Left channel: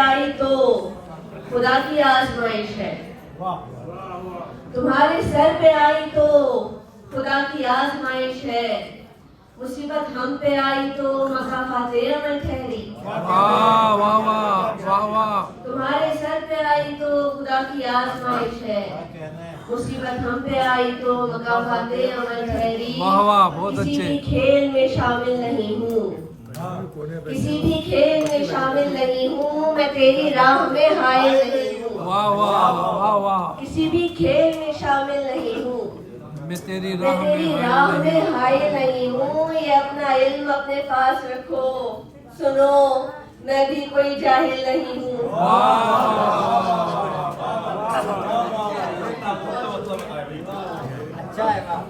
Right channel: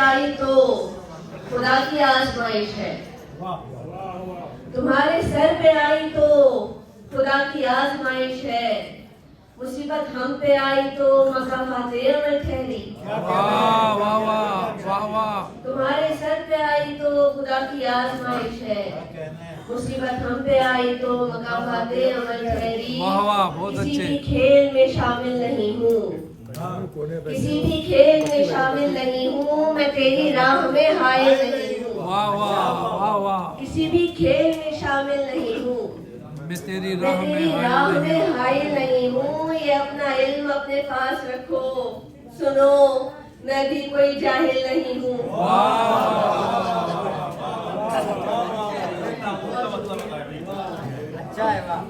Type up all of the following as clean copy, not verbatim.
आई तो खुदा की आजमाइश है, तुम्हारे सर पे आई तो खुदा की आजमाइश है, मुसीबत हम पे आई तो मकाफाते अमल ठहरी। वाह वाह वाह वाह वाह। तुम्हारे सर पे आई तो खुदा की आजमाइश है, मुसीबत हम पे आई तो मकाफाते अमल ठहरी। वाह वाह, बहुत किसी अच्छे। भी खेल में शामिल नहीं हूँ, किसी भी खेल में शामिल नहीं हूँ, मैं तेरी राह में हायल नहीं हूँ। वाह वाह वाह वाह। किसी भी खेल में शामिल नहीं हूँ, मैं तेरी मैं राह तेरी में राह हायल नहीं में हायल नहीं हूँ। ये अपना इल्म अपने पास रखो, सुनो मैं भी कोई जाहिल नहीं हूँ। अच्छा है वाह।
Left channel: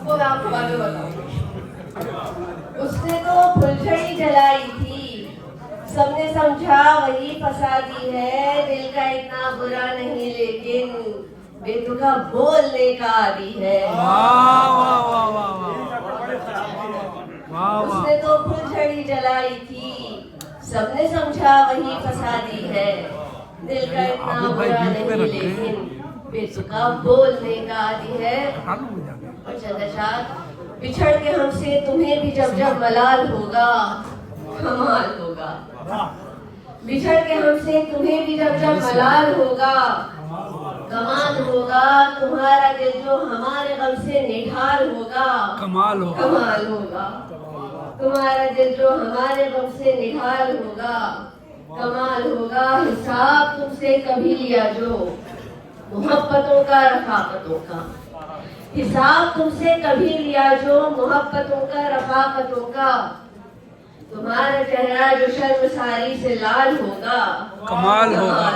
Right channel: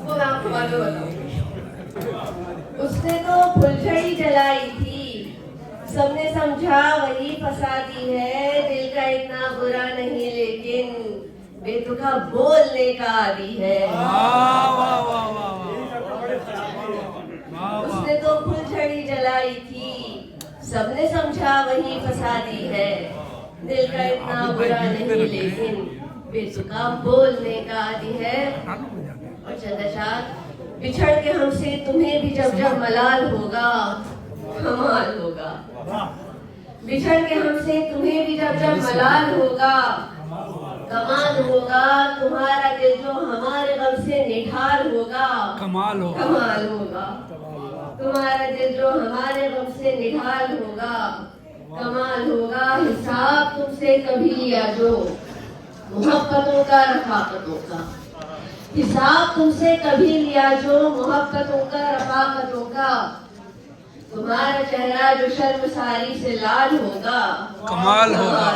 वो मैं आपको बाद में बताऊंगी। उसने तो फुलझड़ी जलाई थी, सबने समझा वही फसादी है, दिल का इतना बुरा नहीं लेकिन बेतुका बोलने का आदी है। वाह वाह वाह वाह वाह वाह। उसने तो फुलझड़ी जलाई थी, सबने समझा वही फसादी है, दिल का इतना अभी भाई बुरा बीच में नहीं रखे। लेकिन बेतुका बोलने का आदी है। चालू हो जाएगा। और चंद्रशाद बिछड़ के हमसे तुम्हें भी जब जब मलाल होगा कमाल होगा। बिछड़ के हमसे तुम्हें भी जब जब मलाल होगा कमाल होगा। तुम्हारा दिल जो हमारे गम से निढाल होगा कमाल होगा। कमाल होगा। तुम्हारा दिल जो हमारे गम से निढाल होगा कमाल होगा। हिसाब तुमसे कभी लिया जो मोहब्बतों का रफाकतों का, हिसाब तुमसे कभी लिया जो मोहब्बतों का रफाकतों का। तुम्हारा चेहरा जो शर्मसारी से लाल होगा कमाल होगा।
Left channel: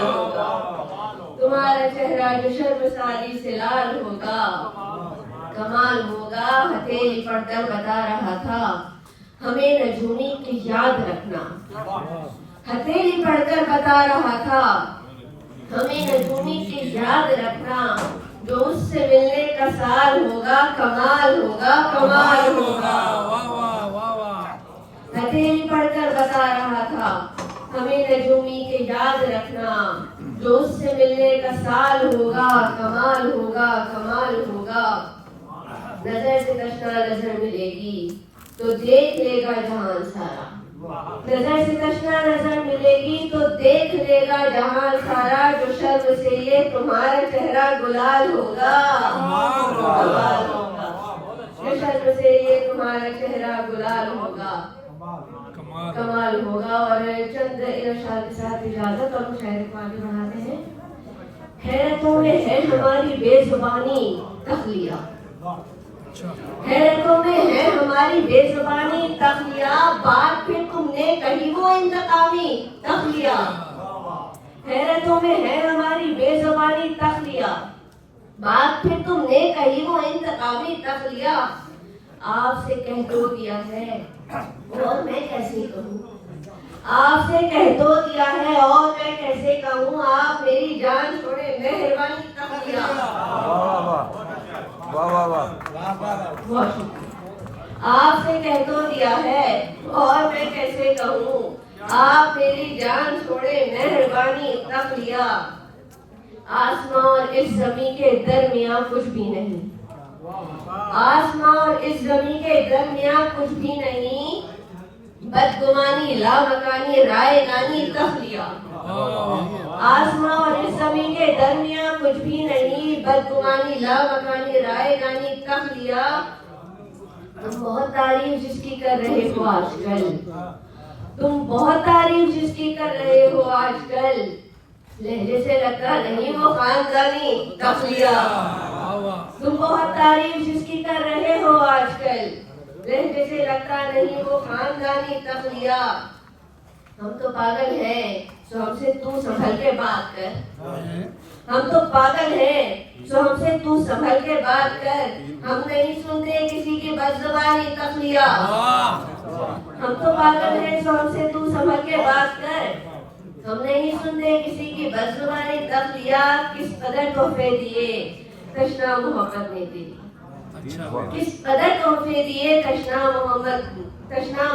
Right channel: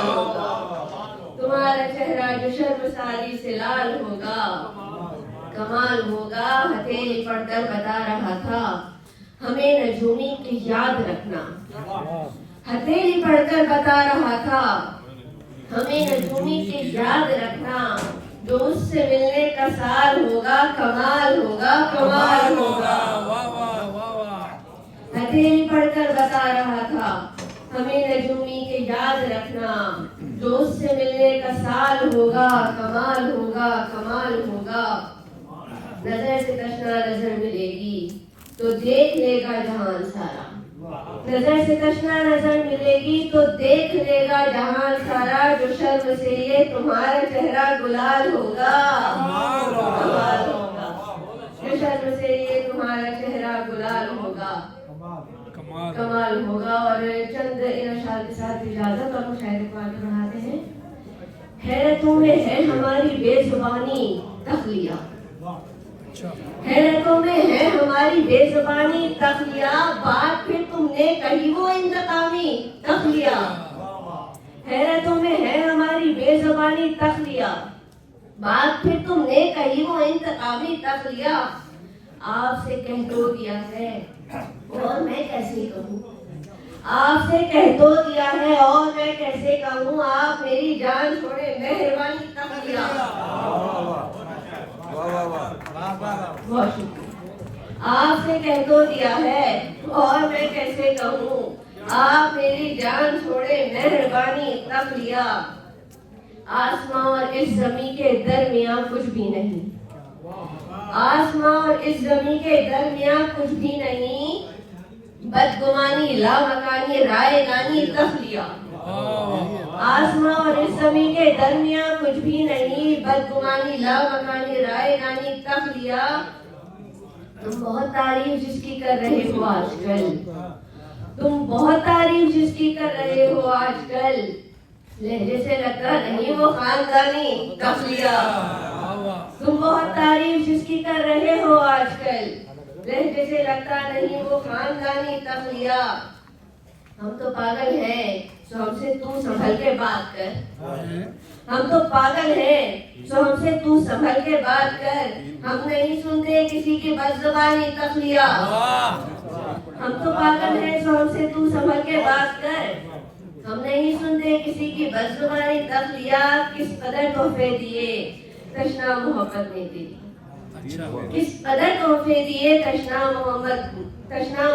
तुम्हारा चेहरा जो शर्मसारी से लाल होगा कमाल होगा। हथेली पढ़कर बता रहा था हमें नजूमी की याद रखना, हथेली पढ़कर बता रहा था हमें नजूमी की याद रखना। जो उससे मिलने का साल होगा कमाल होगा कमाल होगा। वाह वाह वाह वाह। हथेली पढ़कर बता रहा था हमें नजूमी के याद रखना। जो उससे मिलने का साल होगा कमाल होगा कमाल होगा। नजर से तश्ना नजर मिलेगी तो देख लेगा जहान सारा, नजर से तश्ना नजर मिलेगी तो देख लेगा जहान सारा। जो शर्म से ये तुम्हारा चेहरा गुलाल होगा कमाल होगा। जो शर्म से ये तुम्हारा चेहरा गुलाल होगा कमाल। कमाल होगा। और चंद इरशाद के साथ इजाजत और शायरी को आगे बढ़ाते हैं। हैरतों में है हमारी बेजुबानी तखलिया, हैरतों में है हमारी बेजुबानी तखलिया। बात फिर तुमने कही वो इंतकामी तखलिया, हैरतों में है हमारी बेजुबानी तखलिया। बात फिर तुमने कही वो इंतकामी तखलिया। आपसे कह तो दिया है और मैं कैसे कहूँ, आपसे कह तो दिया है और मैं कैसे कहूँ। आप मेरी जान छोड़े मेहरबानी तखलिया। बहुत शुक्रिया। आपसे कह तो दिया है और मैं कैसे कहूँ। आप मेरी जान छोड़े मेहरबानी तखलिया। आसमां और इस जमीन के दरमियां कुछ भी नहीं, आसमां और इस जमीन के दरमियां कुछ भी नहीं। बदगुमानी लामकानी राय नानी तखलिया। आसमां और इस जमीन के दरमियां कुछ भी नहीं। बदगुमानी लामकानी राय नानी तखलिया। तुम बहुत तारीफ जिसकी कर रहे हो आजकल, तुम बहुत तारीफ जिसकी कर रहे हो आजकल। लहजे से लगता नहीं वो खानदानी तखलिया। तुम बहुत तारीफ जिसकी कर रहे हो आजकल, लहजे से लगता नहीं वो खानदानी तखलिया। हम तो पागल हैं सो हमसे तू संभल के बात कर, हम तो पागल हैं सो हमसे तू संभल के बात कर। हम नहीं सुनते किसी की बदजुबानी तखलिया। हम तो पागल हैं सो हमसे तू संभल के बात कर। हम नहीं सुनते किसी की बदजुबानी तखलिया। किस कदर तोहफे दिए तशना मोहब्बत ने तेरी, किस कदर तोहफे दिए तशना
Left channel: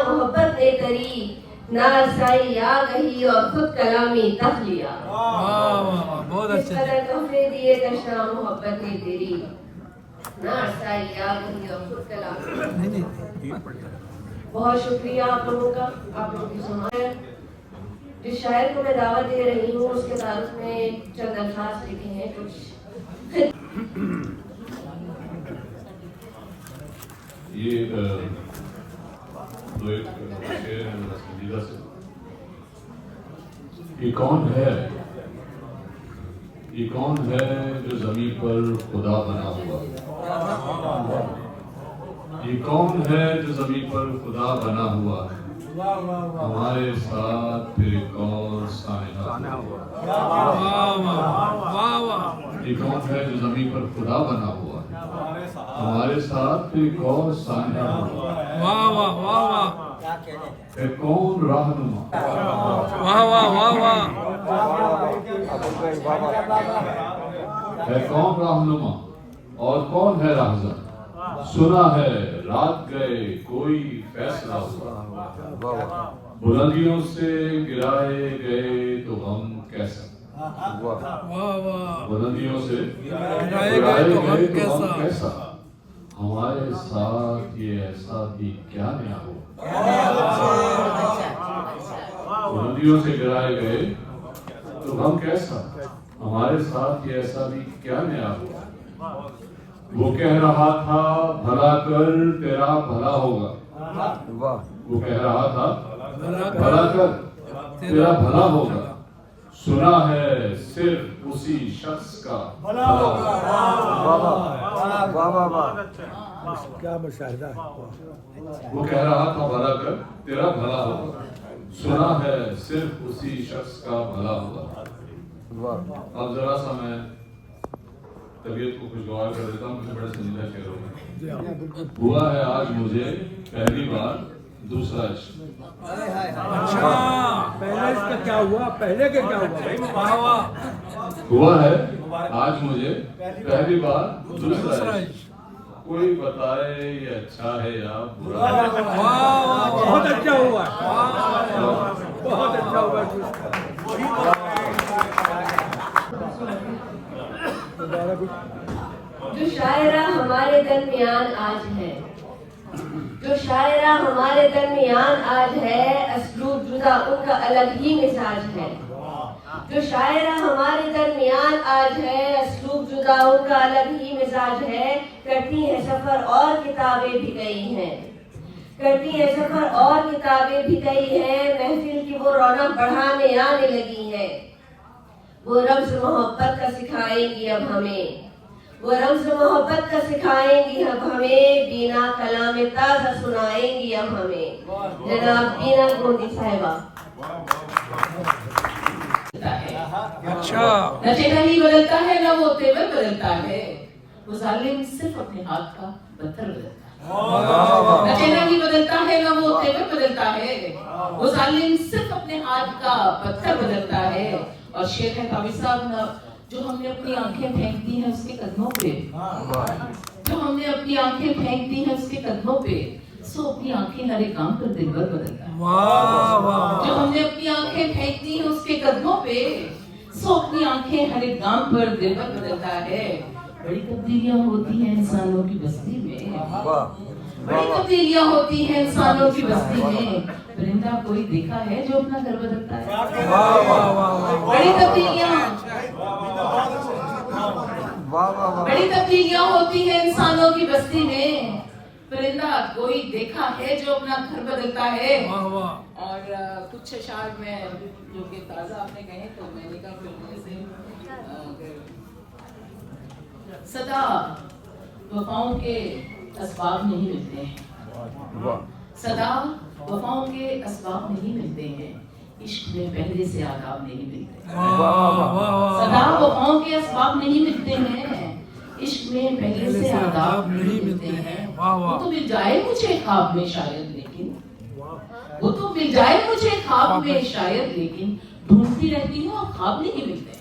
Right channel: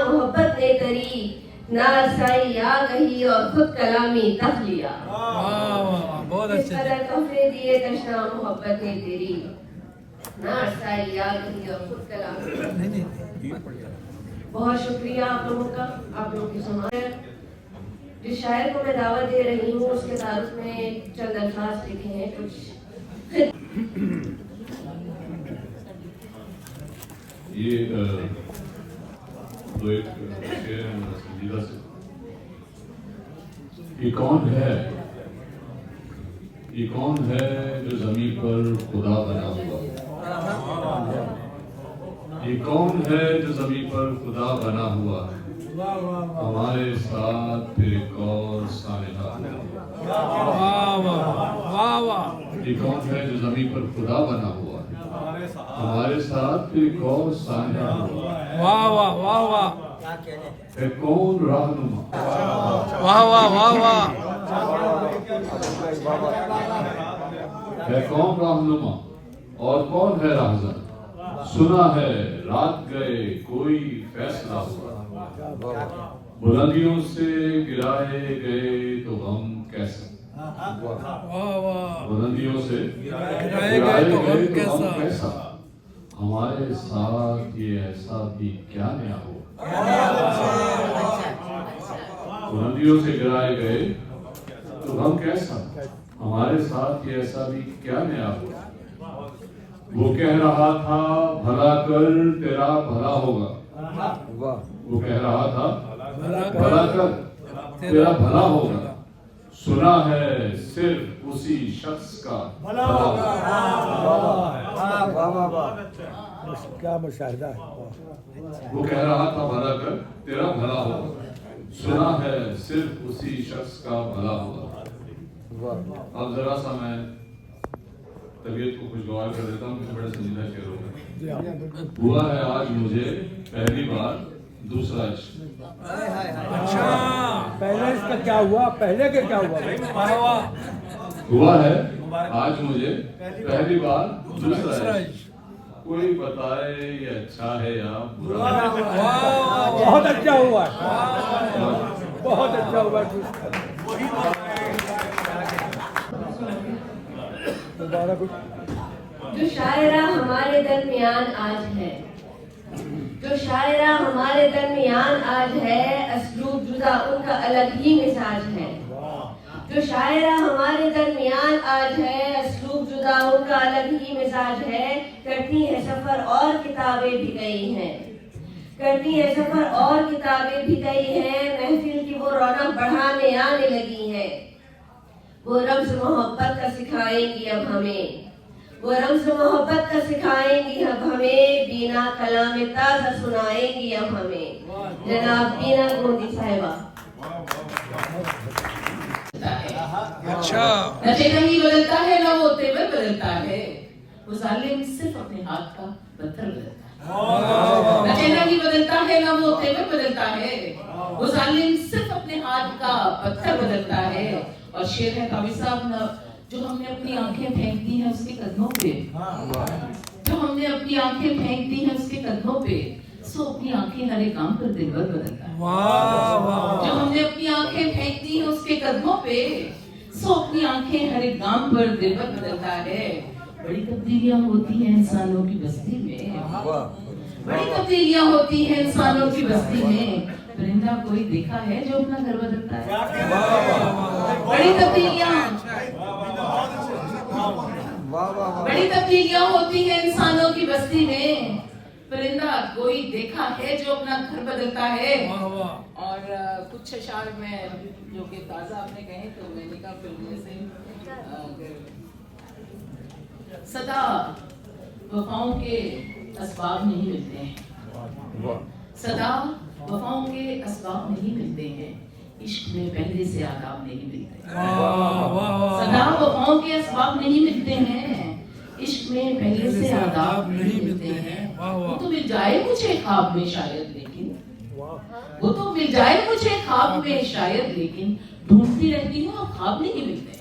मोहब्बत ने तेरी। नारसाई आ गई और खुद कलामी तख लिया। वाह वाह वाह बहुत किस अच्छे से। तरह तोहफे दिए दशा मोहब्बत ने तेरी, नारसाई आ गई और खुद कलामी। नहीं बहुत शुक्रिया आप लोगों का, आप लोगों की सुनाए। जिस शायर को मैं दावत दे रही हूँ उसके तारुफ में चंद अल्फाज लिखे हैं कुछ। ये तो एक शेर है मेरा संजीदा से। ये कौन है जो जमीन पर खुदा बना हुआ? ये कौन है जो जमीन पर खुदा बना हुआ? हमारे साथ फिर एक और सानिहा। वाह वाह वाह वाह। ये कौन है जो जमीन पर खुदा बना हुआ? हमारे साथ फिर एक और सानिहा। वाह वाह वाह वाह। है कौन रहनुमा? वाह वाह वाह वाह। है कौन रहनुमा और कौन है राहज़न? सुना है रात गए कोई फैसला हुआ। बुलंदियों से गिराए गए तो हम कैसा? वाह वाह। बुलंदियों से गिराए गए तो हम कैसा? हमारे साथ ये ऐसा भी क्या नया हो? बुलंदियों से गिराए गए तो हम कैसा? हमारे साथ ये ऐसा भी क्या नया हो? वो कह रहा था भला कर तेरा भला होगा। वो कह रहा था भला कर तेरा भला होगा। सुना है सिर्फ उसी शख्स का भला होगा। क्या मुशाहिदा है। वो कह रहा था भला कर तेरा भला होगा। सुना है सिर्फ उसी शख्स का भला होगा। अब जरा सा मैं तबीयत को खुशगवार कर देता हूँ, मुझे बड़ा संजीदा शेर होगा। हुआ है आज मुझे पहली बार दूसरा इश्क। अच्छा। पहले इसका क्या हुआ, पहले के क्या हुआ? वाह वाह। हुआ है आज मुझे पहली बार दूसरा दूसरा इश्क। कोई बताए ये अच्छा है या बुरा? वाह बहुत अच्छा हुआ है, बहुत अच्छा हुआ है। दोबारा कुछ। जो शायरा हमारे दरमियान आज है, जो शायरा हमारे दरमियान आज है, असलूब जुदा उनका अलग ही मिजाज है। जो शायरा हमारे दरमियान आज है, असलूब जुदा उनका अलग ही मिजाज है। करती है सफर और किताबें भी गई हैं, करती है सफर और किताबें भी गई हैं। महफिल की वो रौनक बढ़ाने आने लगी है। वो रम्ज़ मोहब्बत का सिखाएंगी अब हमें, वो रम्ज़ मोहब्बत का सिखाएंगी अब हमें। बीना कलाम ताज़ा सुनाएंगी अब हमें। जनाब बीना गोंदी साहिबा। अच्छा। न चेहरा ही बदलता है न वो तेवर बदलता है, वो जालिम सिर्फ अपने हाथ का पत्थर बदलता है। न चेहरा ही बदलता है न वो तेवर बदलता है, वो जालिम सिर्फ अपने हाथ का पत्थर बदलता है। और शेर है काबी साहब, जो हमने अपनी आंखें फेंक दी हैं उसके कदमों पे, जो हमने अपनी आंखें फेंक दी हैं उसके कदमों पे, सो अपनी आंखें हर एक काम पर दिलबर बदलता है। वाह वाह। जो हमने अपनी आंखें फेंक दी हैं उसके कदमों पे, सो अपनी आंखें हर एक काम पर दिलबर बदलता है। बड़ी तब्दीलियां होती हैं इंसानों की बस्ती में, बड़ी तब्दीलियां होती हैं इंसानों की बस्ती में। परिंदा कोई देखा है जो अपना घर बदलता है? बड़ी तब्दीलियां होती हैं इंसानों की बस्ती में। परिंदा कोई देखा है जो अपना घर बदलता है। और कुछ अशार में जो कि ताज़ा आपने कहे तो मैंने कहा फिर से सदा वफाओं के असबाब नहीं मिलते हैं, सदा वफाओं के असबाब नहीं मिलते हैं, इश्क में पहले से आदाब नहीं मिलते। सदा वफाओं के असबाब नहीं मिलते हैं, इश्क में पहले से आदाब नहीं मिलते हैं। वो तो मिल जाए मुझे ख्वाब में शायद, लेकिन वो तो मिल जाए मुझे ख्वाब में शायद, लेकिन ढूंढती रहती हूँ अब ख्वाब नहीं मिलते।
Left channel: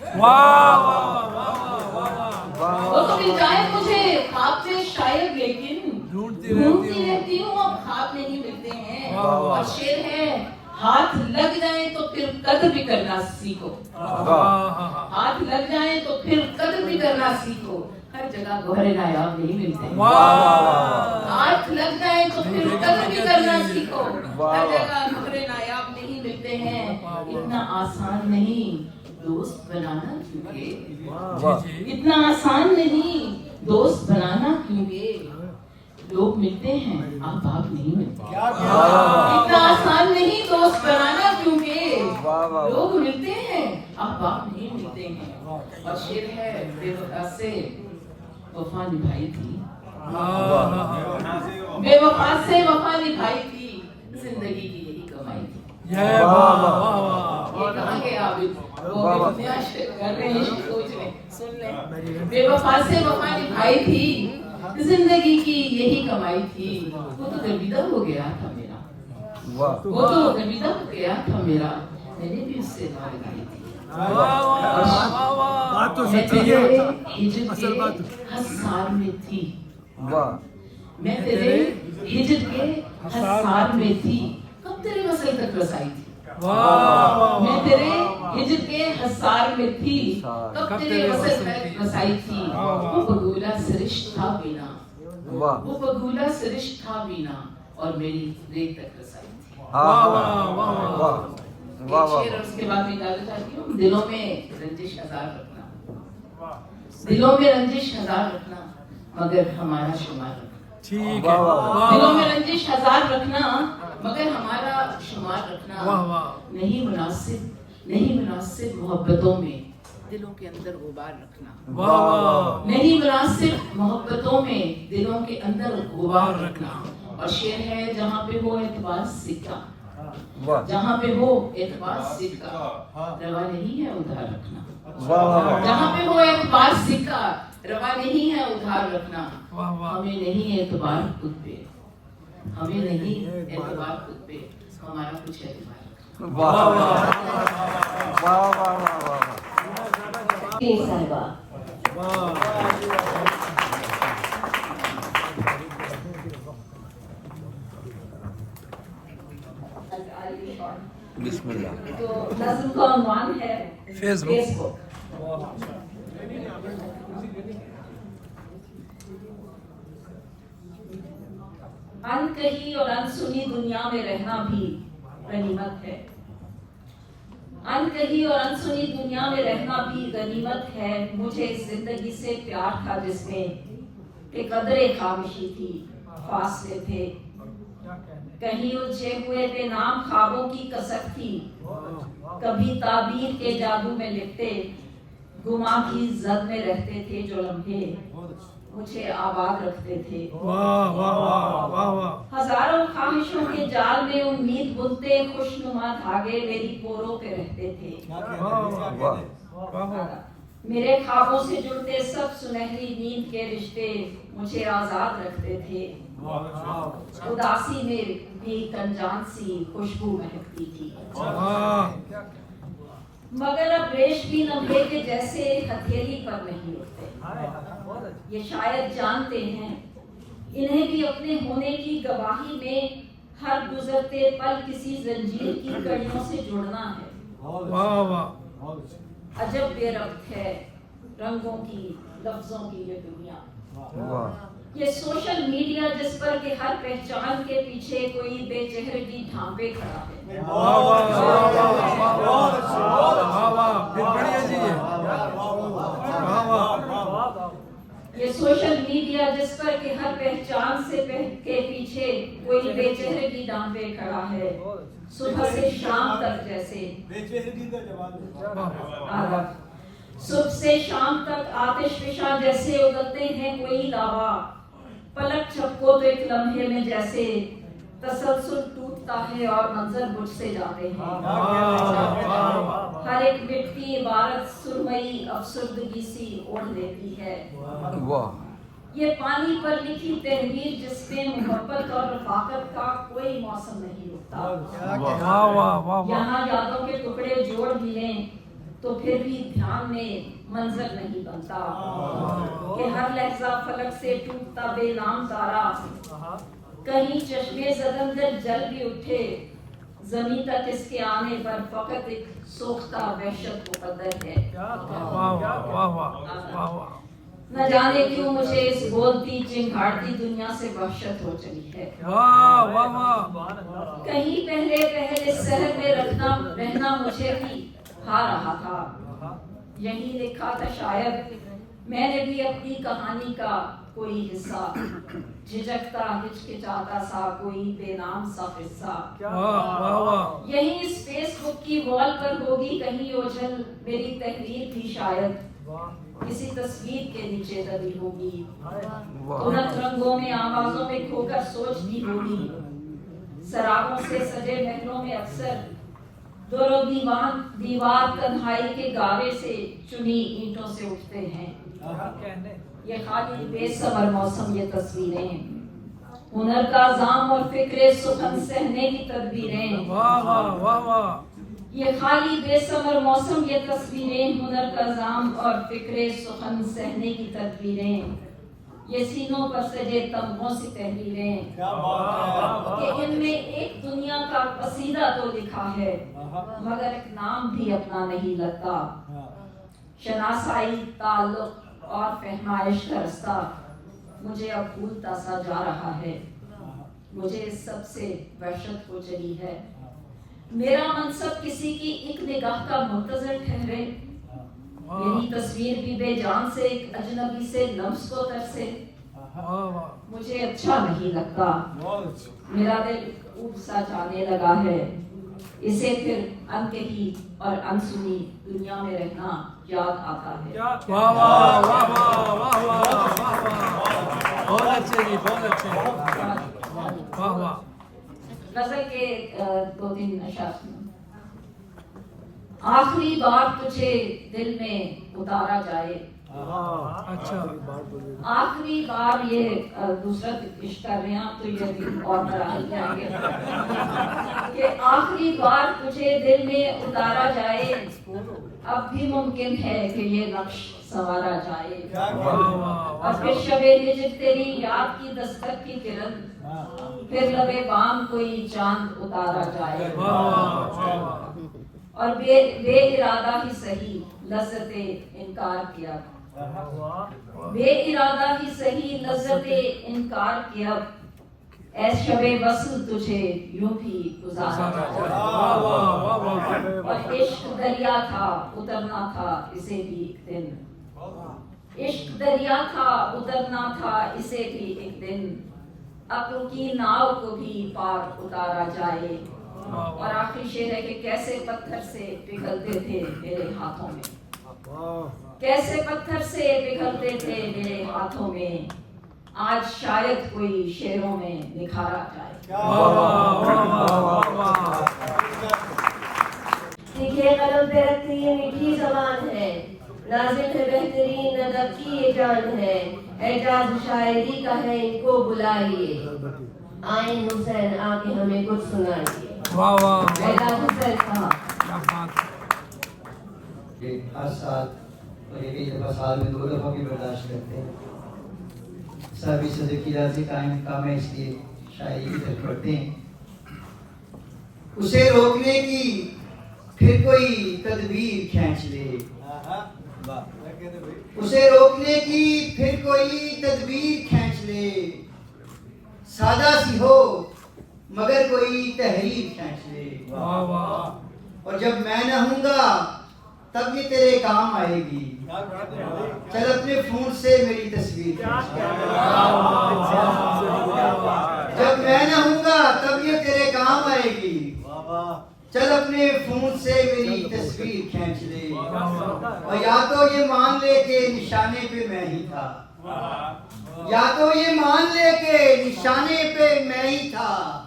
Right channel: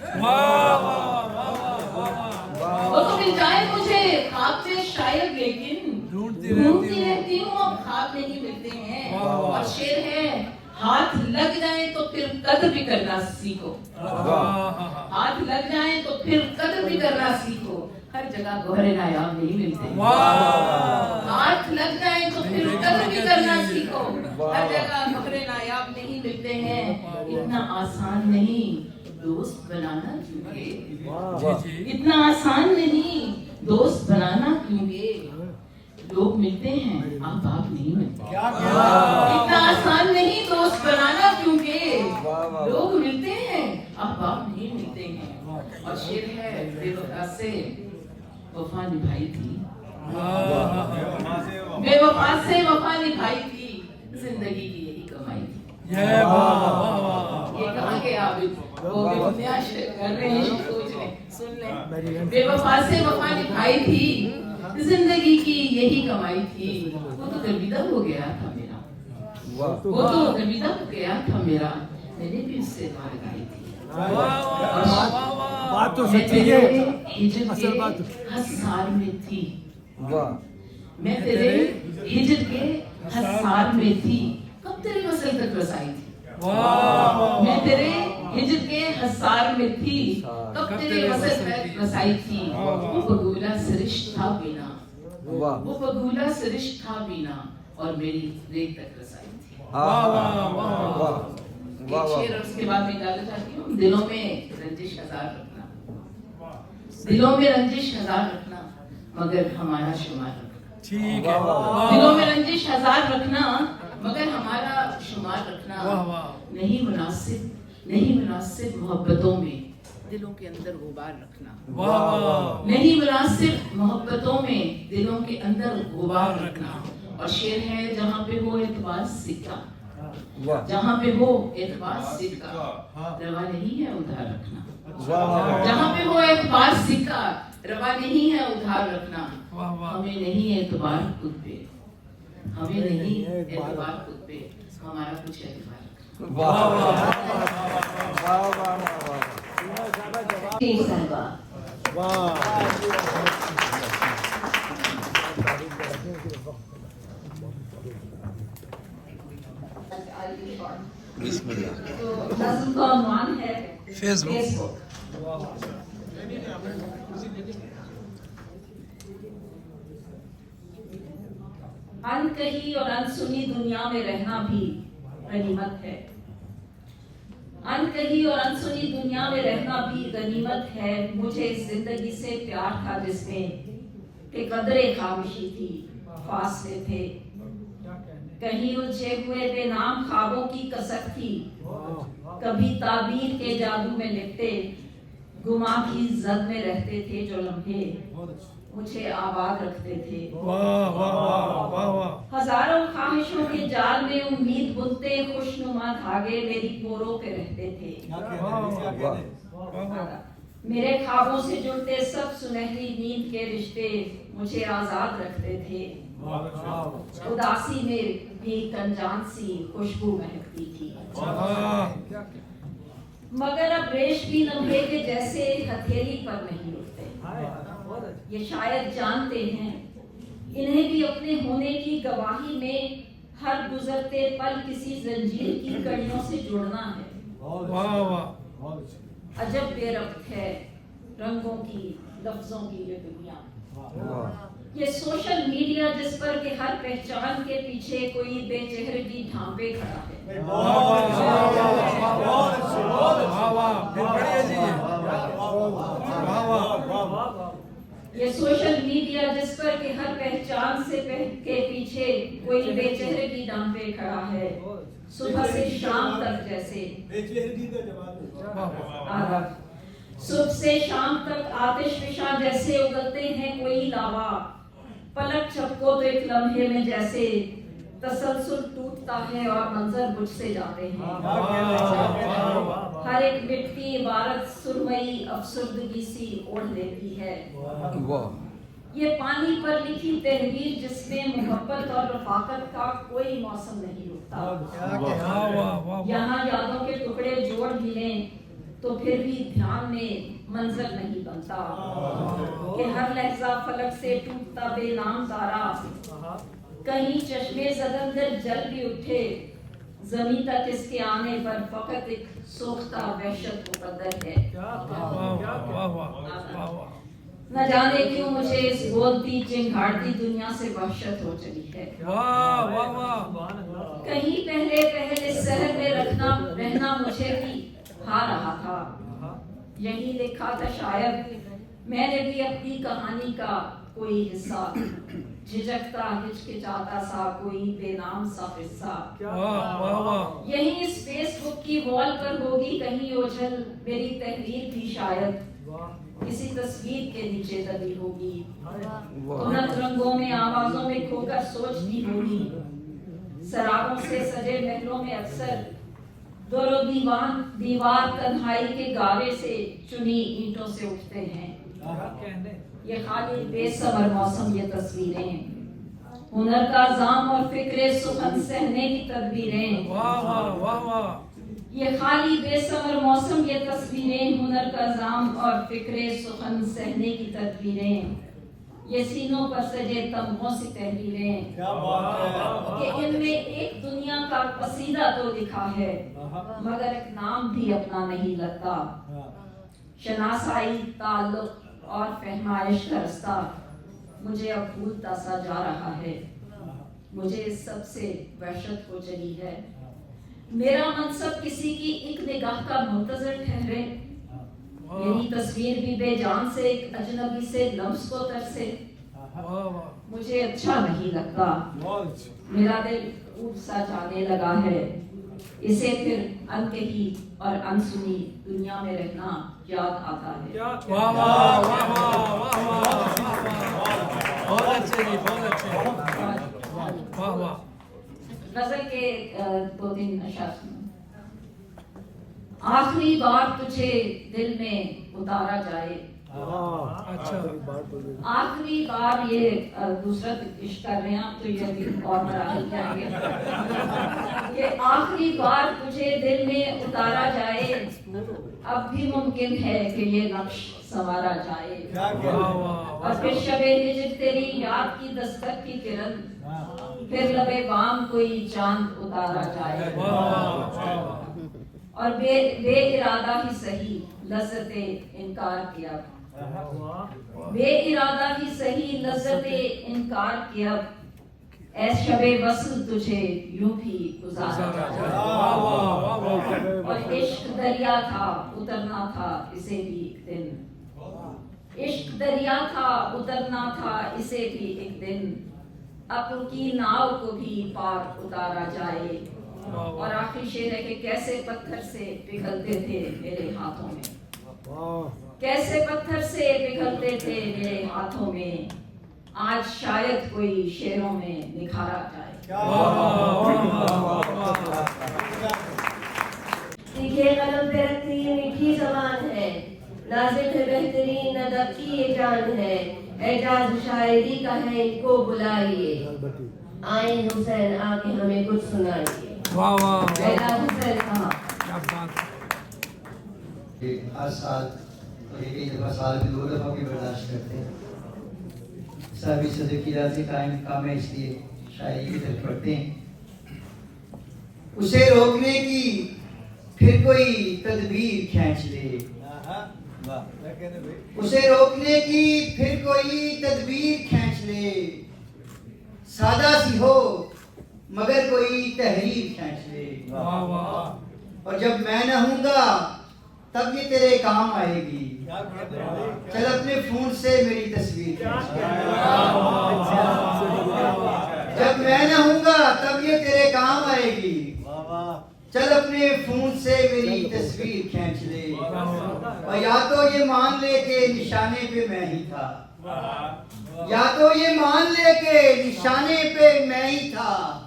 वो तो मिल जाए मुझे ख्वाब में शायद, लेकिन ढूंढती रहती हूँ अब ख्वाब नहीं मिलते हैं। और शेर है ہاتھ لگ جائیں تو پھر قدر بھی کرنا سیکھو. ہاتھ لگ جائیں تو پھر قدر بھی کرنا سیکھو. ہر جگہ گوہر نایاب نہیں ملتے. ہاتھ لگ جائیں تو پھر قدر بھی کرنا سیکھو. ہر جگہ گوہر نایاب نہیں ملتے ہیں. اتنا آسان نہیں دوست بنانا کیونکہ اتنا آسان نہیں دوست بنانا کیونکہ لوگ ملتے ہیں احباب نہیں ملتے. اتنا آسان نہیں دوست بنانا کیونکہ لوگ ملتے ہیں احباب نہیں ملتے ہیں. اور شعر ہے بے وفا سے وفا نبھائی تھی. بے وفا سے وفا نبھائی تھی زندگی کی یہی کمائی تھی. یہ کہاں گیا ابھی وہ نیا شعر کر رہے ہیں سوچ لیں سن لیں. بے وفا سے وفا نبھائی تھی زندگی کی یہی کمائی تھی. وہ تو گرویدہ ہو گیا تھا میرا. وہ تو گرویدہ ہو گیا تھا میرا. میں نے بھی اس سے دعا لگائی تھی. بات تو میں سچی تیرے ہے. ہجر کے حصار میں تھی. میں تیرے ہجر کے حصار میں تھی. کب تیرے وصل تک رسائی تھی. میں تیرے ہجر کے حصار میں تھی. کب تیرے وصل تک رسائی تھی. وہ بگولا سرش تھا بینا. وہ بگولا سرش تھا بینا اور میری ریت تک رسائی تھی. ایک شعر اور اس کے بعد میں ڈالنا چاہتی ہوں. دلوں میں رنجش ہزار رکھنا. دلوں میں رنجش ہزار رکھنا مگر ہمارا شمار رکھنا. ٹھیک ہے. دلوں میں رنجش ہزار رکھنا مگر ہمارا شمار رکھنا. نہیں مناسب محبتوں میں دلوں کے اندر غبار رکھنا. نہیں مناسب محبتوں میں دلوں کے اندر غبار رکھنا. اور شعر ہے جہاں پہ ہو اعتبار سکہ. جہاں پہ ہو اعتبار سکہ روا نہیں ہے ادھار رکھنا. جہاں پہ ہو اعتبار سکہ روا نہیں ہے ادھار رکھنا. ہمیں نہیں اعتبار خود پہ. ہمیں نہیں اعتبار خود پہ. ہمارا کچھ اعتبار رکھنا. جی صاحبہ تو نظم کا عنوان ہے فیس بک. ان کہی اور انسنی دنیا میں رہنا بھی غنیمت ہے. ان کہی اور انسنی دنیا میں رہنا بھی غنیمت ہے. مجھے اس زندگی سے پیار تھا جس میں کہ قدرے خاموشی تھی فاصلے تھے. کہیں الجھے ہوئے بے نام خوابوں کی کسک تھی. کبھی تعبیر کے جادو میں لکھتے گما کی زد میں رہتے تھے جو لمحے مجھے آباد رکھتے تھے. ہزاروں خواہشوں کے جال میں امید بنتے خوشنما دھاگے میری پوروں پہ رہتے تھے. میرے خوابوں سے جڑتے سب سنہری نیند کے رشتے مجھے آزاد رکھتے تھے. اداسی میں بھی کنجان سی خوشبو مہکتی تھی. مگر اب ریش بھی لمحے کے جیسے ہتھیلی پر نہیں رکتے. یہ شاید جانتے ہیں انہیں بھی اپنے ہونے کی گواہی میں ہر گزرتے پل کسی زنجیر کی کڑیوں سے جڑنا ہے. عجب بے ربط ہے رنگوں کی لفظوں کی یہ دنیا. یہ سوشل میڈیا جس پر کہ ہر پہچان کے پیچھے کوئی بے چہرگی ڈھانپے کھڑا ہے. یہ سوشل میڈیا جس پر کہ ہر پہچان سے کے پیچھے کوئی بے چہرگی ڈھانپے کھڑا ہے. صبح سے شام تک جیسے صبح سے شام تک آتش فشاں جیسے اگلتے ہیں کوئی لاوا. پلک چھپکو تو ایک لمحے میں جیسے تسلسل ٹوٹتا ہے اور منظر بجھ سے جاتے ہیں. ہر ایک مٹ کی عبارت سرمئی افسردگی سی اوڑھ لیتی ہے. یہ پانی پر لکھی تحریر جس میں محبت اور رفاقت کا کوئی موسم نہیں رکتا. یہاں یادوں کے ٹکڑے جوڑ ملیں تو پھر بھی دھیان میں منظر نہیں بنتا کہ ہر لحظہ فلک سے ٹوٹتا بے نام تارا. کہیں چشمے زدندر جل بھی اٹھے जमीन तक इसके आने पर फकत एक सोख्ता वहशत मुकद्दर है। वाह वाह वाह वाह वाह। न जाने क्यों मुझे इस बोलती चिंगाड़ती दुनिया से वहशत हो चली है। वाह वाह वाह। कहीं पहले पहले शहर में रहना मुझे भी खा रहा था। यही लिखा था शायद मैंने भी अपनी कहानी का कोई हिस्सा, झिझकता हिचकिचाता सा कोई बेनाम सा किस्सा। वाह वाह वाह। यही इस फेसबुक की वॉल पर होगी कहीं ओझल मेरी तहरीर भी शायद किसी तस्वीर के नीचे दबी होगी। उन्नत रंगों में आवाजों में खोकर सोचती होगी। शराबों से सजे महलों में अक्सर दोनों दीवार तन्हाई के गावे से चुनी ईंटों से उठते हैं। ये खाली बेसबर मौसम, ये तस्वीरें हुनर का जाम और फिक्रे सुखन सहने की तदबीरें। वाह वाह वाह वाह। ये खाली बेसबर मौसम, ये तस्वीरें हुनर का जाम और फिक्रे सुखन सहने की तदबीरें। ये सीनों पर सजे तमगों सी तहरीरें कि इनमें एक दुनिया का कसीदा तो लिखा है मगर एक नाम भी अपना नहीं लगता। शनासाई ताल्लुक और फहमाइश का रास्ता मुझे अब भूलता सा जा रहा है। मुझे इस सब से वहशत हो चली है। मेरा मनसब किसी की एक निगाह का मुंतजर ठहरे। मेरी तस्वीर भी बेजान से एक अजनबी से लम्स को तरसे। मुझे अच्छा नहीं लगता। मेरा दिल ऊब सा जाने लगा है। इसे फिर अनकही और अनसुनी दुनिया में रहना याद आता है। वाह वाह वाह वाह वाह वाह वाह। बहुत अच्छे जी, बहुत अच्छे। वाह वाह। गजल के 2-3 अशार। आखिरी बार तुझे दिल में उतारा जाए। अच्छा। आखिरी बार, ये दूसरा इश्क कर रहे हैं आप तो ये भी और मराहल जाएंगे कि आखिरी बार तुझे दिल में उतारा जाए। अब भी मुमकिन है कि ये नक्श संवारा जाए। और फिर शबे हिज्र तेरी याद की दस्तक की किरण, फिर लबे बाम कोई चांद उतारा जाए। और बे इरादा ही सही लज्जते इनकार किया। बे इरादा ही सही लज्जते इनकार किया। ऐ शबे वस्ल तुझे यूं भी गुजारा जाए। और इश्क दरिया था उतरना था इसे भी एक दिन। इश्क दरिया था उतरना था इसे भी एक दिन। अक्ल की नाव को भी पार उतारा जाए। और आखिरी शेर है कि कैसे पत्थर से पिघलते थे मेरे हाथों में। कैसे पत्थर से पिघलते थे मेरे हाथों में। आज शायद कोई शेरों में निखारा जाए। सीखे कलम पे रखती ये मीठी जबान है। नाज़िक है बेहतरीन अदब की ये जान है। एजाज शायरी का है इनको बुलाइए। आए हुसैन आके हमें कुछ सुनाइए। वाह वाह। हुसैन साहब क्या बात। हर साल तो एक दफा साल में 2 दफों की बर्दाश्त करते हैं। सभी सदर की राजी काम है, इसलिए शायरी की तरफ पढ़ते हैं। उसे रोकने की फिर कोई तदबीर खींच ले। उसे रोकने की फिर कोई तदबीर खींच ले। सादा सी हो मगर कोई तहरीर खींच ले। वाह वाह। और जब मैं न हूँगा तब ये तेरे काम आएगी। चल अपने फोन से मेरी तस्वीर खींच ले। जब मैं न हूँगा तब ये तेरे काम आएगी। चल अपने फोन से मेरी तस्वीर खींच ले। और या तो ये मान ले के निशाने पे मैं ही था। या तो ये मान ले के निशाने पे मैं ही था।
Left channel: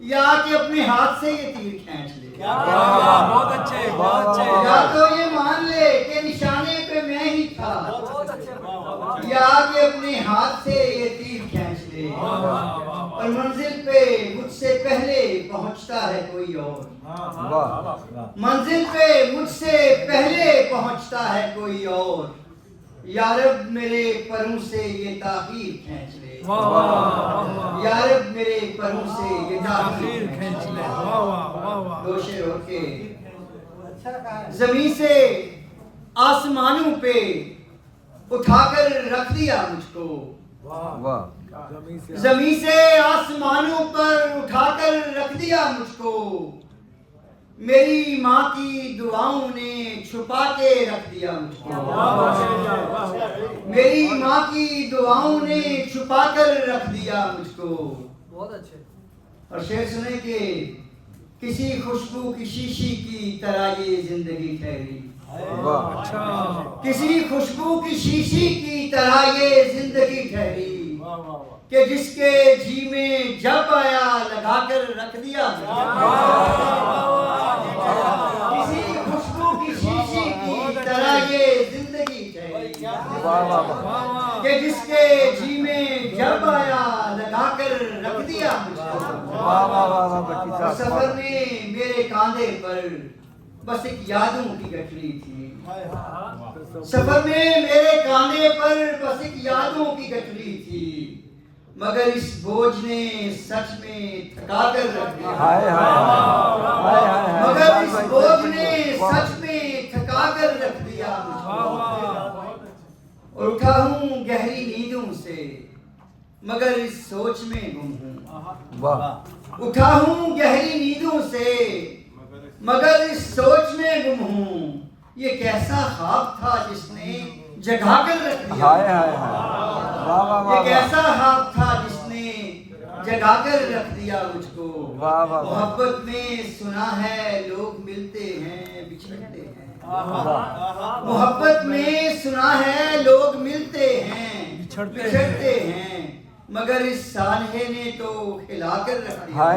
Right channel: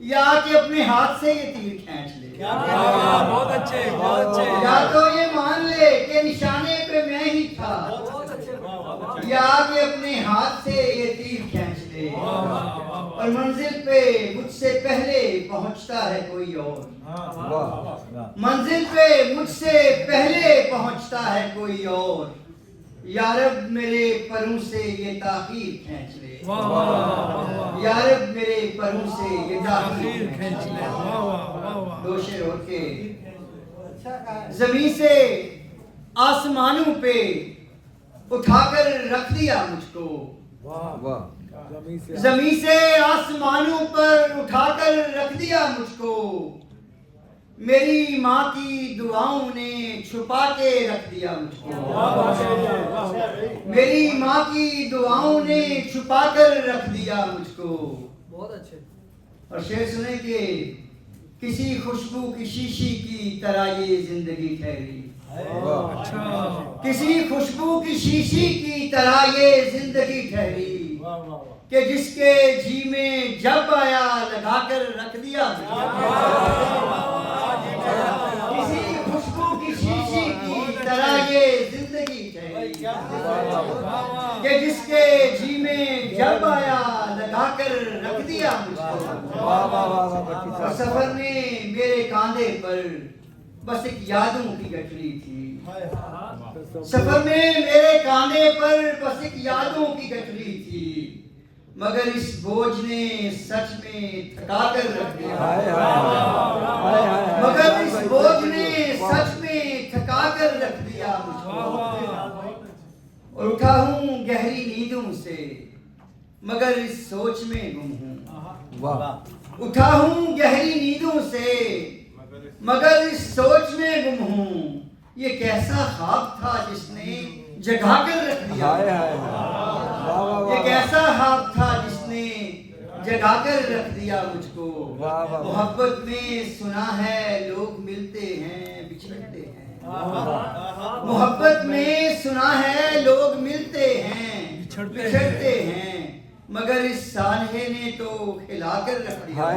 या कि अपने हाथ से ये तीर खींच ले। बहुत अच्छे, बहुत अच्छे। या तो ये मान ले कि निशाने पे मैं ही था। या कि अपने हाथ से ये तीर खींच ले। और मंजिल पे मुझसे पहले पहुंचता है कोई और। मंजिल पे मुझसे पहले पहुंचता है कोई और। या रब मेरे परों से ये ताखीर खींच ले। واہ واہ واہ یا رب میرے پروں سے یہ تاخیر تاخیر کھینچ لے واہ واہ واہ واہ دو شعر اور کے زمین سے آسمانوں پہ اٹھا کر رکھ دیا مجھ کو زمین سے آسمانوں پر اٹھا کر رکھ دیا مجھ کو میری ماں کی دعاؤں نے چھپا کے رکھ دیا مجھ کو میری ماں کی دعاؤں نے چھپا کر رکھ دیا مجھ کو اور شعر سنے کہ کسی خوشبو کی شیشی کی طرح یہ زندگی ٹھہری اچھا کسی خوشبو کی شیشی کی طرح یہ زندگی ٹھہری کہ جس کے جی میں جب آیا لگا کر رکھ دیا کسی خوشبو کی شیشی کی طرح یہ زندگی ٹھہری کہ جس کے جی میں جب آیا لگا کر رکھ دیا مجھ کو اور سفر میں میرے کاندھے پر بس ایک یادوں کی گٹھڑی تھی سفر میں میرے کاندھے پر بس ایک یادوں کی گٹھڑی تھی مگر اس بوجھ نے سچ میں تھکا کر رکھ دیا مگر اس بوجھ نے سچ میں تھکا کر رکھ دیا مجھ کو اور اٹھا ہوں گہری نیندوں سے مگر اس سوچ میں گم ہوں اٹھا ہوں گہری نیندوں سے مگر اس سوچ میں گم ہوں یہ کیسا خواب تھا جس نے جگا کر رکھ دیا یہ کیسا خواب تھا جس نے جگا کر رکھ دیا مجھ کو محبت میں سنا ہے لوگ ملتے ہیں بچھڑتے ہیں محبت میں سنا ہے لوگ ملتے ہیں بچھڑتے ہیں مگر اس سانحے نے تو ہلا کر رکھ دیا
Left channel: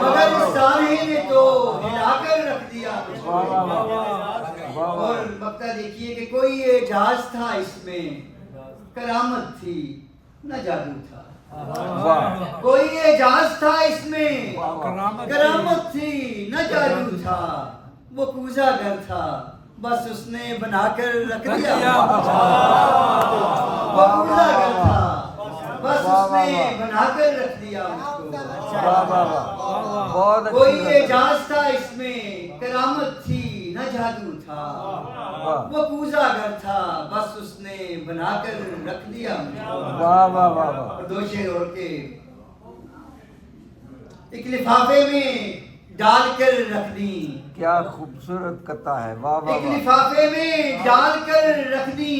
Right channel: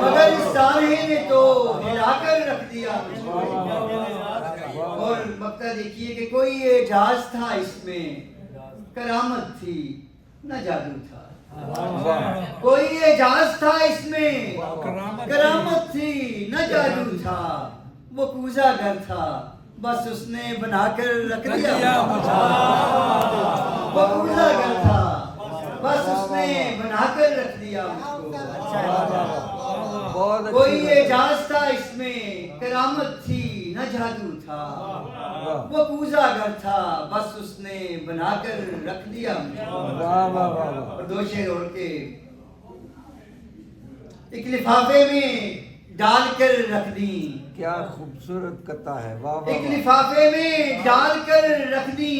مگر اس سانحے نے تو ہلا کر رکھ دیا مجھ کو اور مقطع دیکھیے کہ کوئی اعجاز تھا اس میں کرامت تھی نہ جادو تھا کوئی اعجاز تھا اس میں کرامت تھی نہ جادو تھا وہ کوزہ گر تھا بس اس نے بنا کر رکھ دیا وہ کوزہ گر تھا بس اس نے بنا کر رکھ دیا مجھ کو کوئی اعجاز تھا اس میں کرامت تھی نہ جادو تھا وہ کوزہ گر تھا بس اس نے بنا کر رکھ دیا مجھ کو اور دو شعر اور کے ایک لفافے میں ڈال کر رکھ دی کیا خوبصورت قطع ہے ایک لفافے میں ڈال کر رکھ دی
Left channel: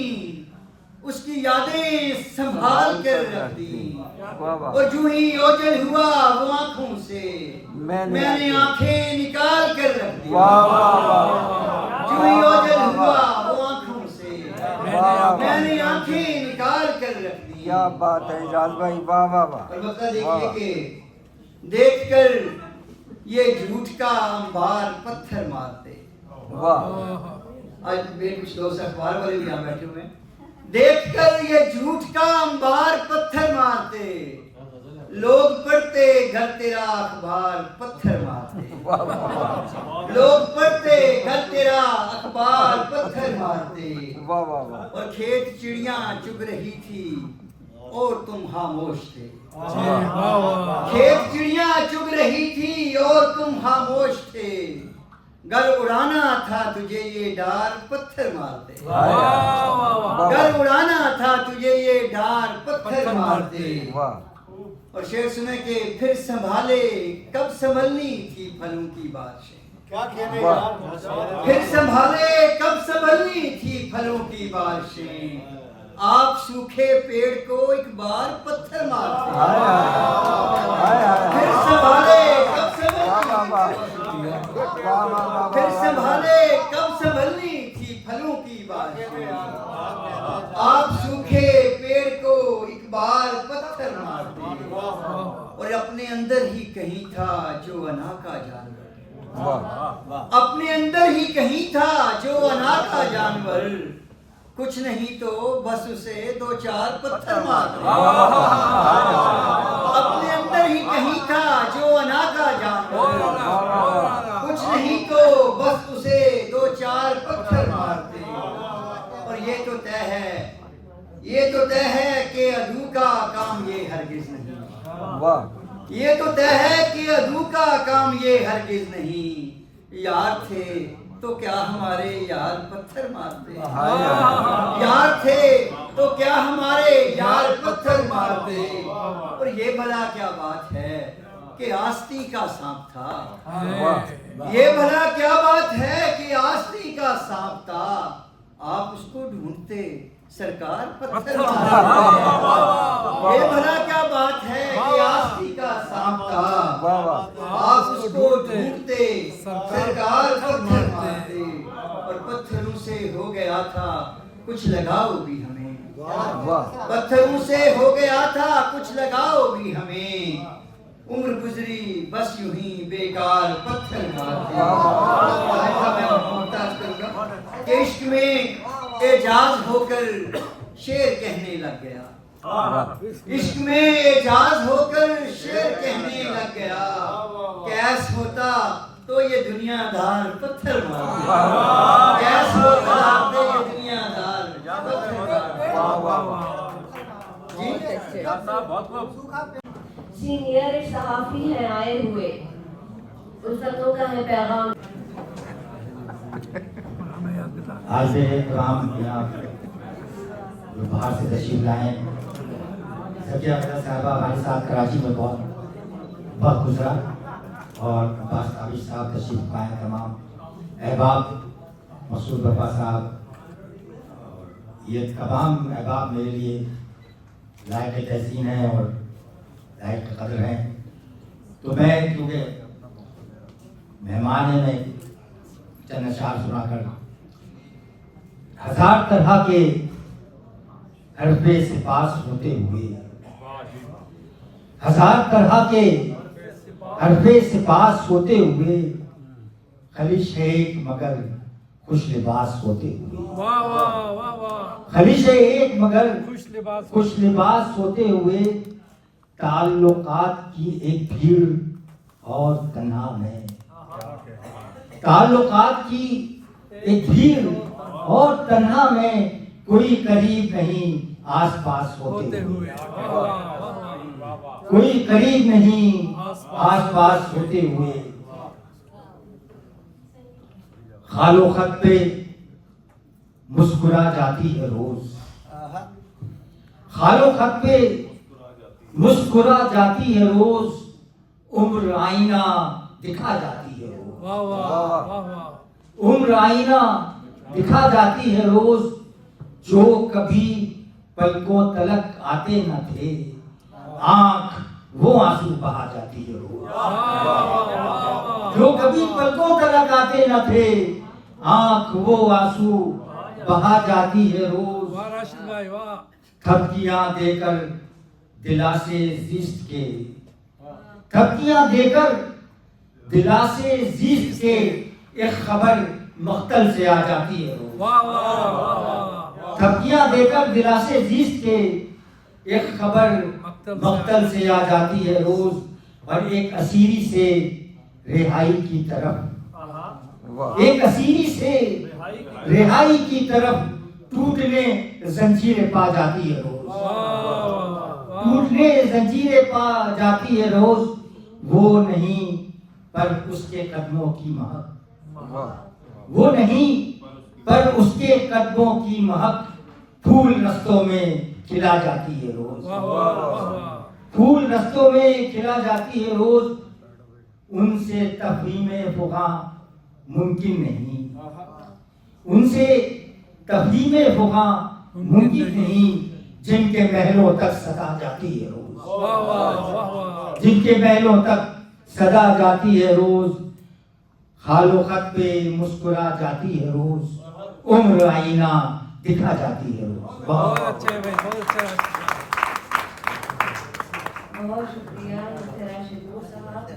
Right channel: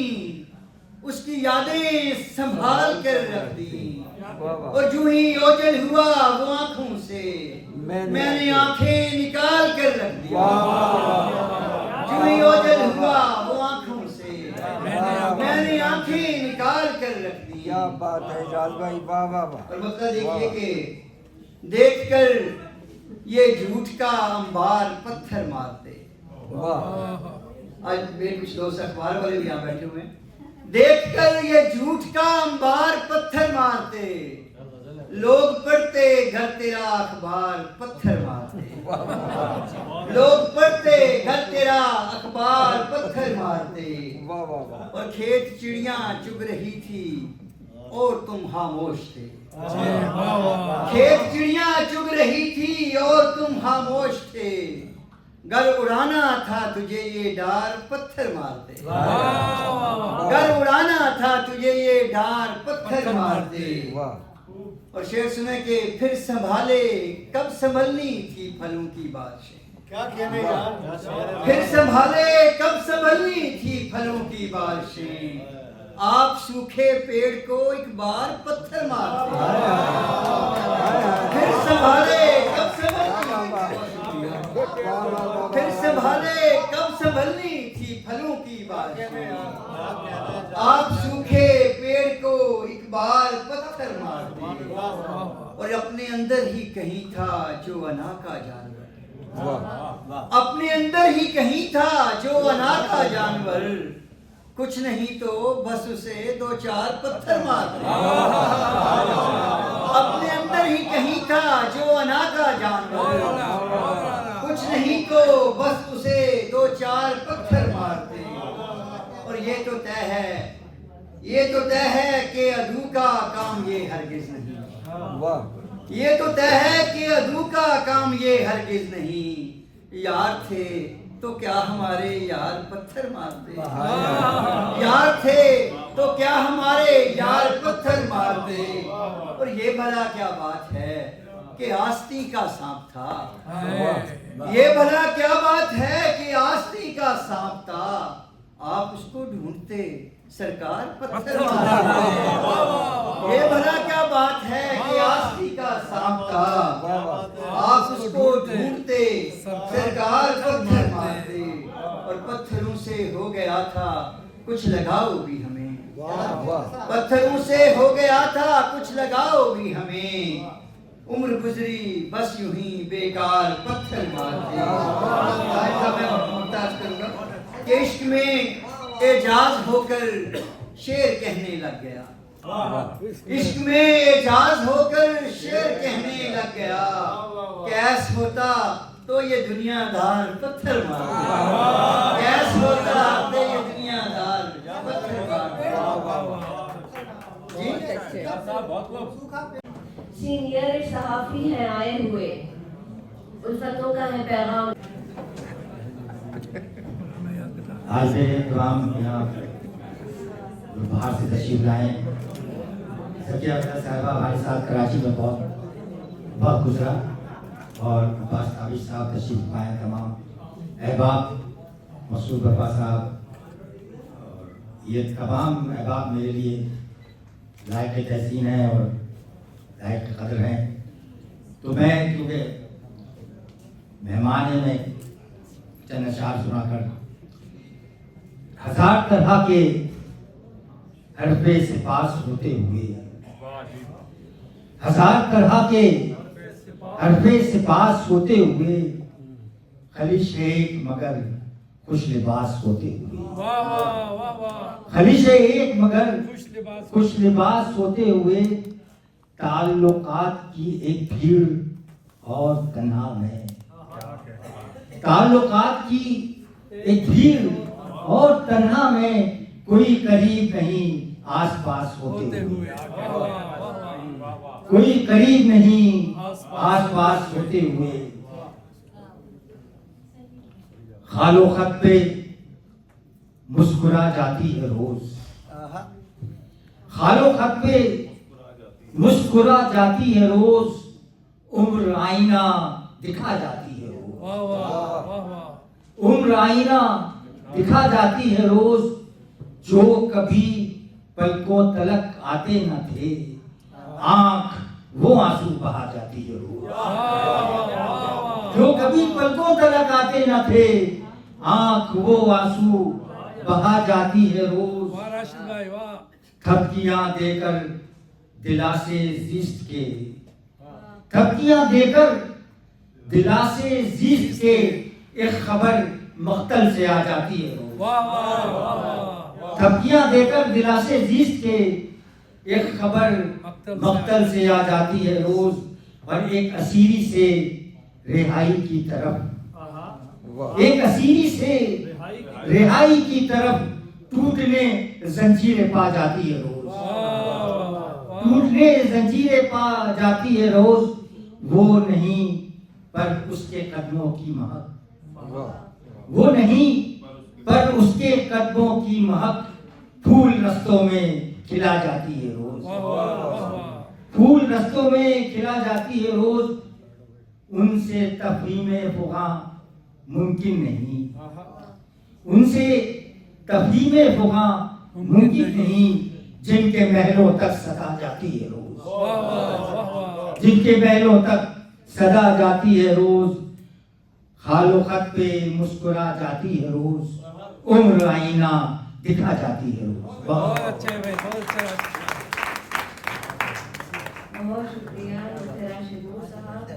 اس کی یادیں سنبھال کر رکھ دی اور جو ہی اوجل ہوا وہ آنکھوں سے میں نے آنکھیں نکال کر رکھ دی جو ہی اوجل ہوا وہ آنکھوں سے میں نے آنکھیں نکال کر رکھ دی کیا بات ہے اعجاز بھائی واہ واہ واہ اور مطلب دیکھیے کہ دیکھ کر یہ جھوٹ کا انبار پتھر مارتے آج میرے کچھ دوست اخبار والے بھی یہاں بیٹھے ہوئے ہیں دیکھ کر یہ جھوٹ کا انبار پتھر مارتے لوگ پڑھتے گھر تیرا اخبار پتھر مارتے لوگ پڑھتے گھر تیرا اخبار پتھر مارتے اور کھیت چڑیاں چگ رہی تھی اور تم خاموش تھے کھیت چڑیاں چگ رہی تھی اور تم خاموش تھے گر اڑانا تھا تجھے یہ ڈار پتھر مارتے گر اڑانا تھا تجھے یہ ڈار پتھر مارتے اور شعر سنے کہ پھر سنبھالے کب سنبھلنی تھی پھلوں کی بارشیں پھر سنبھالے کب سنبھلنی تھی پھلوں کی بارشیں آپ سوکھے پیڑ کو ایک بار پتھر مارتے پھر سنبھالے کب پھر سنبھالے کب سنبھلنی تھی پھلوں کی بارشیں آپ سوکھے پیڑ کو ایک بار پتھر مارتے اور اپنے اندر ہی کہیں تھا جو انا کا جانور اپنے اندر ہی کہیں تھا جو انا کا جانور کچھ نہیں تو بس اسے دو چار پتھر مارتے اپنے اندر ہی کہیں تھا جو انا کا جانور کچھ نہیں تو بس اسے دو چار پتھر مارتے اور یہ تو طے ہے یہ تو طے ہے کہ عدو کا کام یہ ہرگز نہیں، یہ تو طے ہے کہ عدو کا کام یہ ہرگز نہیں، یار تھے تو کیا ہمارے یار پتھر مارتے، یار تھے تو کیا ہمارے یار پتھر مارتے، اور یہ بھلا کیا بات ہے کہ آستی کا سانپ تھا، یہ بھلا کیا بات ہے کہ آستی کا سانپ تھا، آپ اس کو ڈھونڈتے سرکار پتھر مارتے، یہ بھلا کیا بات ہے کہ آستی کا سانپ تھا، آپ اس کو ڈھونڈتے سرکار پتھر مارتے، اور پتھروں سے ہو گیا تھا کچھ لگاؤ بھی ہمیں، پتھروں سے ہو گیا تھا کچھ لگاؤ بھی ہمیں، عمر گزری بس یوں ہی بیکار پتھر مارتے۔ میں محتاج کروں گا کہ عشق میں اعجاز ہو کر شعر کہنے لگ گیا، عشق میں اعجاز ہو کر شعر کہنے لگ گیا، کیس ہوتا تو یہ دنیا دار پتھر مارتے، کیس ہوتا تو یہ دنیا دار پتھر مارتے۔ سینئر صحافی ہیں آئے ہوئے، الفتوں کا ہے پیغام۔ حاضر کرام جناب جو باہر سے تشریف لائے، سکیہ اختر صاحبہ ہمارے ساتھ کراچی میں بہت وقت گزرا، اور عباس عابد صاحب تشریف لائے، تمام احباب، مسعود بابا صاحب، یہ تمام احباب میرے لیے لائق تحسین ہیں اور لائق قدر ہیں۔ تو میں کیونکہ مہمان ہیں، میں چند اشعار سنا کر، ہزار طرح کے حرف سپاس ہوتے ہوئے، ہزار طرح کے حرف سپاس ہوتے ہوئے، خلیش ایک مگر خوش لباس ہوتے ہوئے، خلیش ایک مگر خوش لباس ہوتے ہوئے، تعلقات کی ایک بھیڑ اور تنہا میں، تعلقات کی ایک بھیڑ اور تنہا میں، کوئی قریب نہیں آس پاس ہوتے ہوئے، کوئی قریب نہیں آس پاس ہوتے ہوئے، خال و خط پہ مسکرا جاتی ہے روز، خال و خط پہ مسکرا جاتی ہے روز، عمر آئینہ دکھا جاتی ہے روز، عمر آئینہ دکھا جاتی ہے روز، جو کبھی پلکوں تلک آتے نہ تھے، آنکھ وہ آنسو بہا جاتی ہے روز، جو کبھی پلکوں تلک آتے نہ تھے، آنکھ وہ آنسو بہا جاتی ہے روز، تھپکیاں دے کر دلاسے زیست کے، تھپکیاں دے کر دلاسے زیست کے، ایک خبر مقتل سے آ جاتی ہے روز، تھپکیاں دے کر دلاسے زیست کے، ایک خبر مقتل سے آ جاتی ہے روز، اور ایک اسیری سے رہائی کی طرف، ایک اسیری سے رہائی کی طرف ٹوٹنے زنجیریں پا جاتی ہے روز، ٹوٹنے زنجیریں پا جاتی ہے روز، وہ نہیں پر اس کے قدموں کی مہک، وہ نہیں پر اس کے قدموں کی مہک، پھول رستوں میں کھلا جاتی ہے روز، پھول رستوں میں کھلا جاتی ہے روز، ان سے تفہیم فغاں ممکن نہیں، ان سے تفہیم فغاں ممکن نہیں، جن کے محلوں تک صدا جاتی ہے روز، جن کے محلوں تک صدا جاتی ہے روز، خال و خط پہ مسکرا جاتی ہے روز، عمر آئینہ دکھا جاتی ہے روز۔ بہت اچھے بھائی، بہت اچھا۔ بہت شکریہ راشد صاحب۔